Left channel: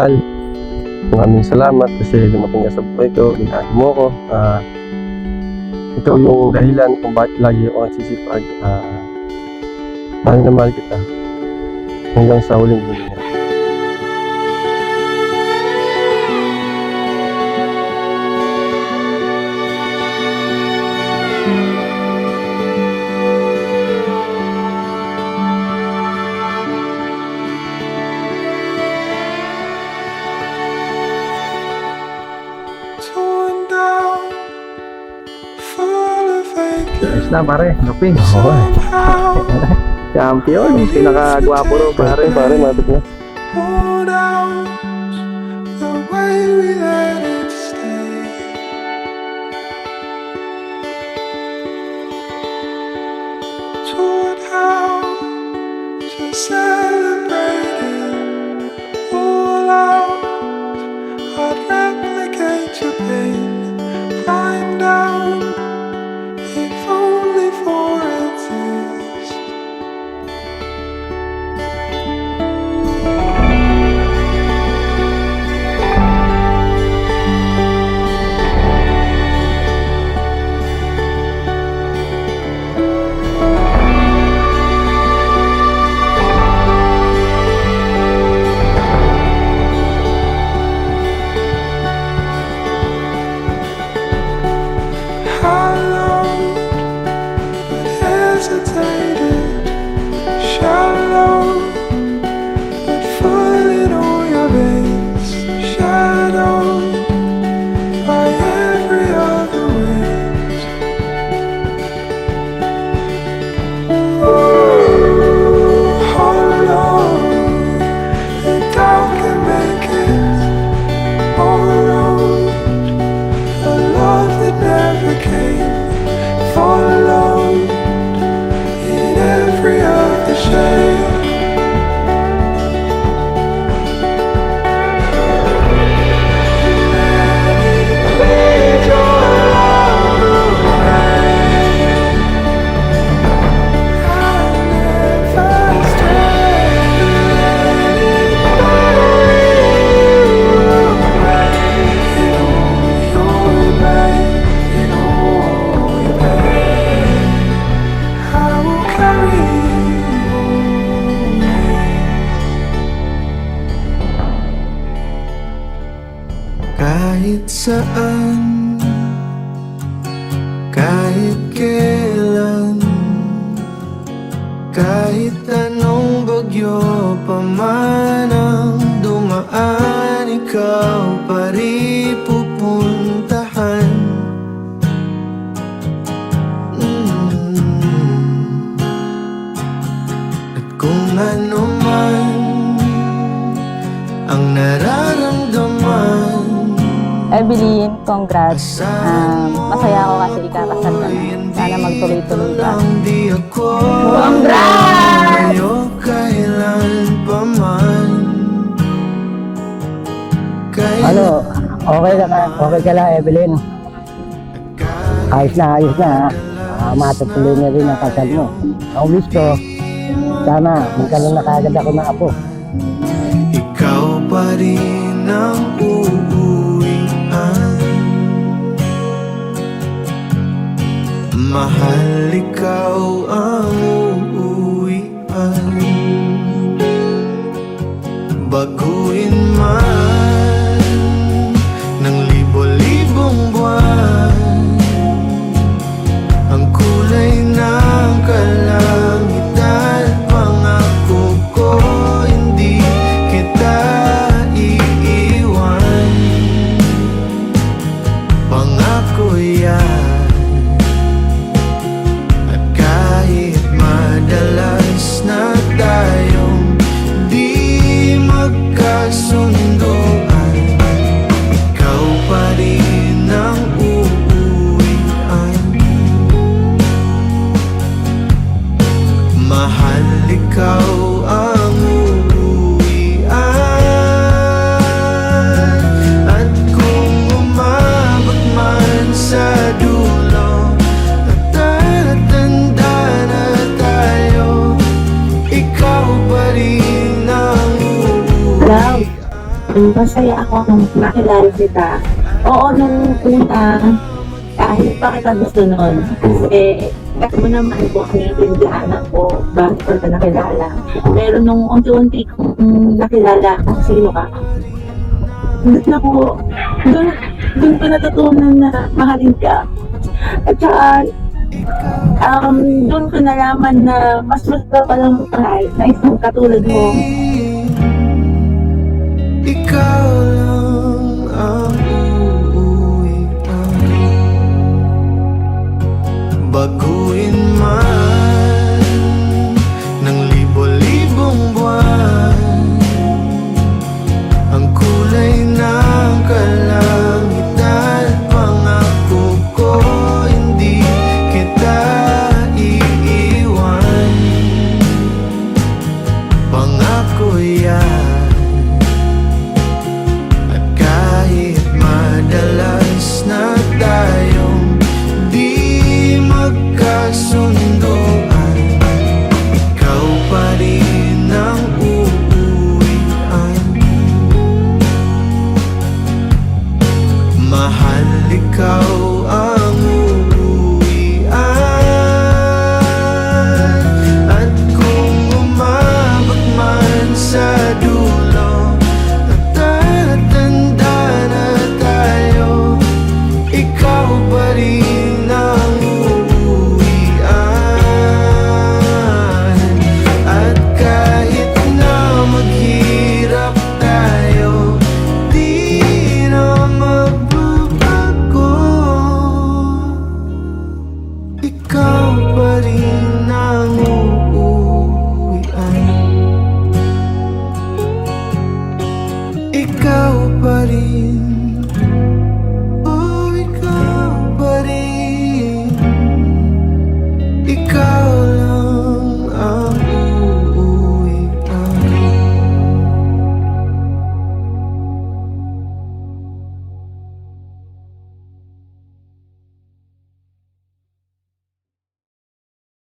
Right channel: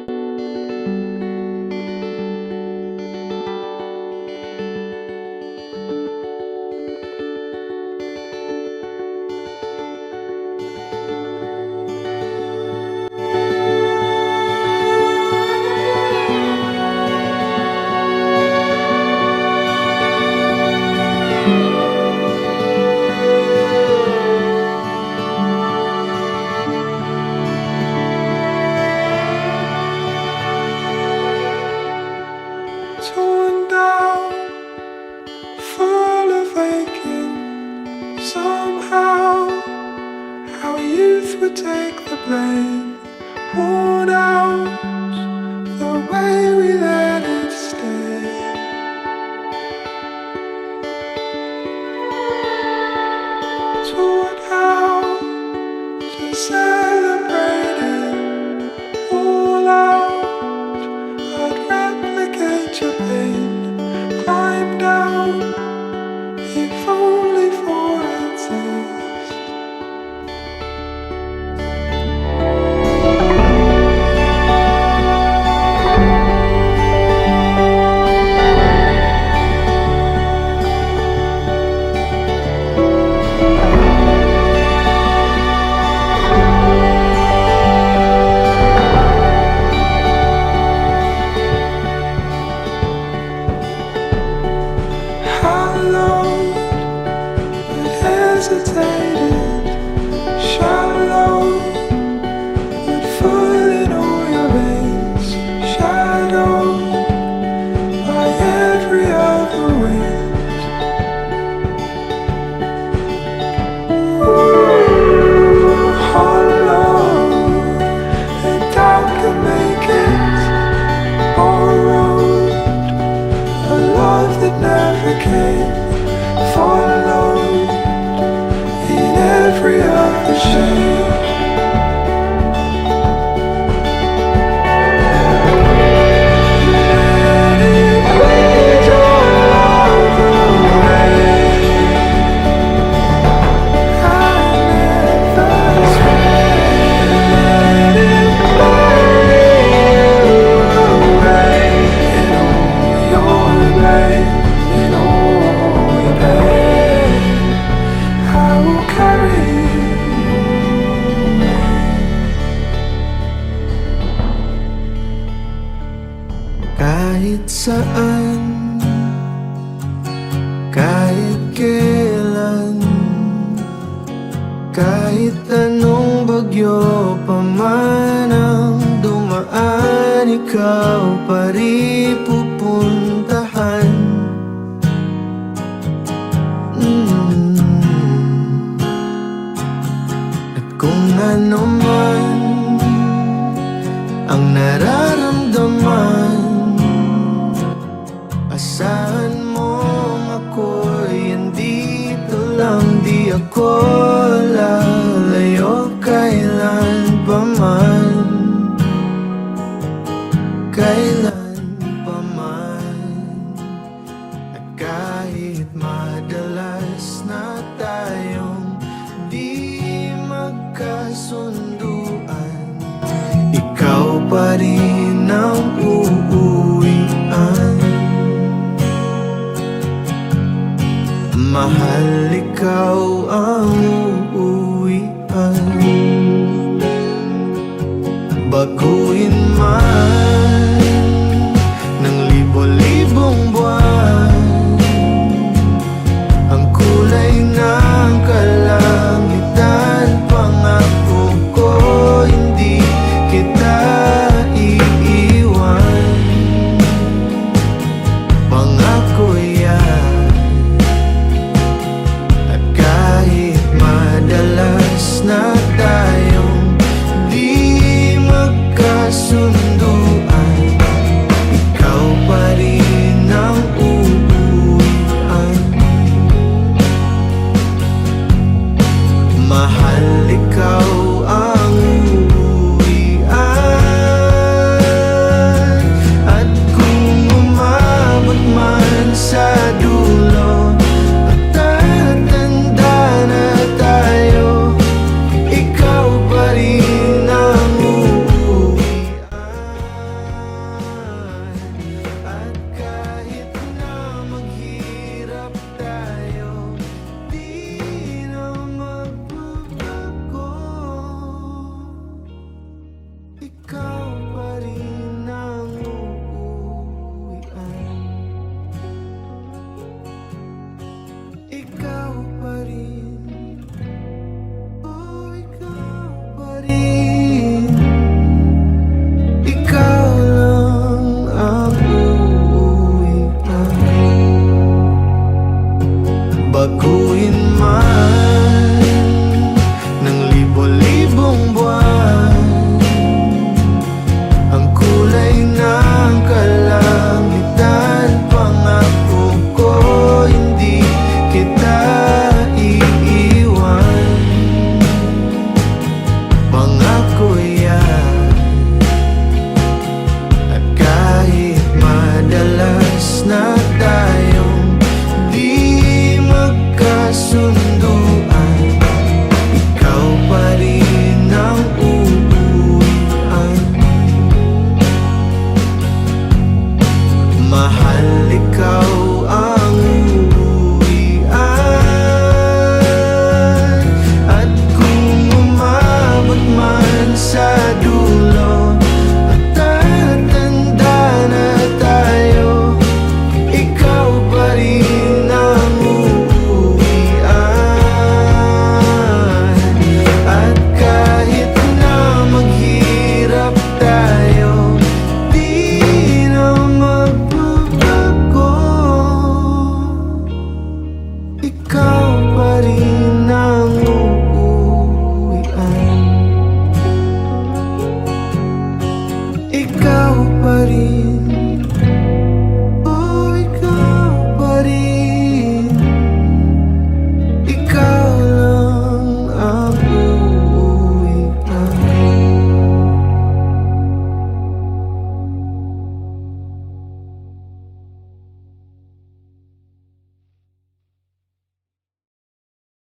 mahal. Maraming salamat kasi dumating ka sa buhay ko, inahin mo ko. Ikaw yung dahilan kung bakit lagi ako nagsisipag. Mahal na mahal kita. Hanggang sa huling buhay. Na pare, kaping. Champion, pinaka-gwapo daw pare. Pare, mabit na. Hold out the way we let it stay. Taught how to celebrate it all out. I'd replicate your pain, climb down, if only for a taste. Hallowed, but hesitated. Shallow, but full in all your veins. Shadowed by every other wind. Hollow, the doubt can make it. Borrowed, a love that never came. Followed in every other shade. Let it bleed your love away. I never strayed. Let it bury you away in all your pain, in all your pain. I will carry you. Kahit saan, kahit kailan, kahit anong bagyo pa man ang dumaan, ikaw pa rin pupuntahan. At kung ano man ang nararamdaman, Evelyn, congrats. asahan mo Masaya ako kasi ikakasal ako'y na. Sana andito magtuloy-tuloy lang, di ako layo kailan pa man. Ano, okay ka na? Okay ka lang, Evelyn? Ayos na, ayos na. Matutuloy na rin ang kasal mo. Ang wish ko, sana magkaroon na kagad ako ng apo. Ikaw pa rin ang uuwian. Mahal, ikaw ang uuwian. Baguhin man ng libo-libong buwan ang kulay ng kalangitan, pangako ko hindi kita iiwan. Pangako yan. At kahit madalas na tayong di magkasunduan, ikaw pa rin ang uuwian. Mahal, ikaw ang uuwian. At kung umabot man sa dulo at tatanda na tayo, kita. Oo, nung una, kahit pa kita gusto nun, kasi mo naman po, naiintindihan ako, bakit ko ka nakilala. Pero nung unti-unti kong nakilala kung sino ka, doon ako, doon ko natutunan na mahalin ka. At saka, doon ko nalaman na mas gusto pa lang mahal na isang katulad mo. Ikaw lang ang uuwian. Baguhin man ng libo-libong buwan ang kulay ng kalangitan. Pangako ko hindi kita iiwan. Pangako yan. At kahit madalas na tayo